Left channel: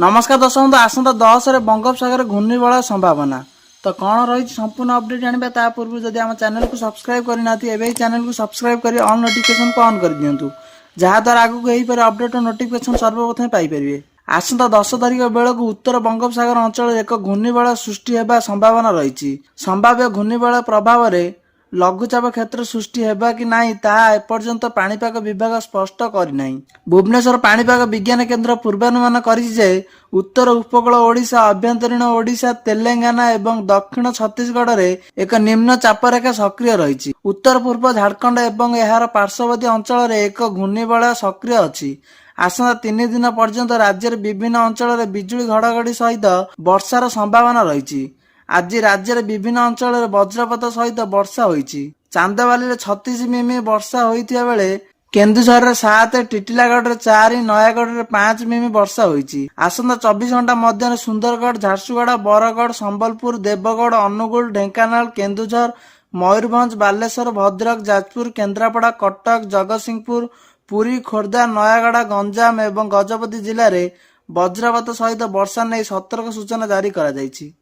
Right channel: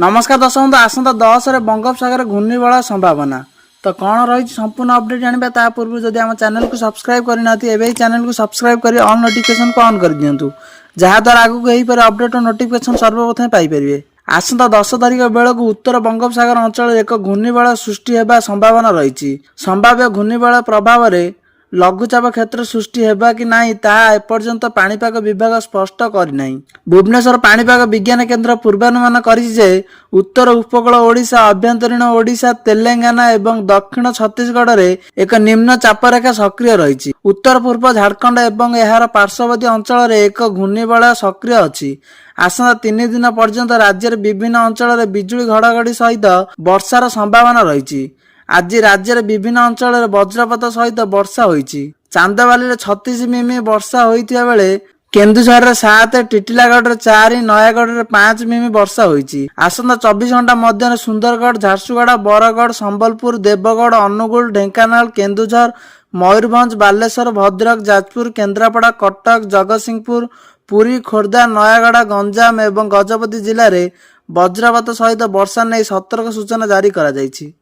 नमस्कार दर्शक बंधु आसंता 10 रे बंगोपसागर घूर्णिबलय संभावना तो कौन रही संपूर्ण अपडेट जाना ता पूर्व जदि आम चैनल को सब्सक्राइब करना चैनल को सब्सक्राइब कर ऑल नोटिफिकेशन को ऑन कर दिंतु जहाद्वारा आगू यही अपडेट और नोटिफिकेशन सर्वप्रथम पाइपर। आसंता 10 तारिख बेलू उत्तर बंगोपसागर अंचल एक घूर्णिबलय सृष्टि होगा संभावना रही। संभाव्य घूर्णिबलय प्रभाव में लघुचाप क्षेत्र सृष्टि होगा कि नहीं ताहा एपर्यंत पाणीपाग विभाग स्पष्ट करना। भुवनेश्वर पाणीपाग विज्ञान केन्द्र पूर्वानुमान करिछि उत्तर उपकूल ओडिशा अभ्यंतरीण ओडिशा तेलंगाना एवं दक्षिण छत्तीसगढ़ रे एक निम्न चापरेखा सक्रिय रही। उत्तर पूर्व झारखंड एवं एहार पार्श्ववर्ती अंचल रे एक घूर्णिबलय सक्रिय अछि। आसंता 3 दिन पर्यंत राज्यर विभिन्न अंचल रे बिजुली घड़घड़ी सहित वर्षार संभावना रही। आज राज्यर विभिन्न अंचल रे वज्रपात सहित वर्षा होईछि। चांदबाली 36 मिमी वर्षा होइतिया बेले केन्दुझर 7, टिटिलागढ़ 4, नयागढ़ 5 मिमी वर्षा होईछि। आसंता 24 घंटा मध्य सुंदरगढ़, झारसुगुड़ा, बरगढ़, संबलपुर, देवगढ़, अनुगुल, ढेंकानाल, केन्दुझर, मयूरभंज, बालेश्वर, भद्रक, जाजपुर, केन्द्रापड़ा, कटक, जगतसिंहपुर, पुरी, खोर्धा, नयागढ़, गंजाम एवं गजपति जिले में वज्रपात सहित वर्षा नहीं सतर्क सूचना जारी करा जायछि।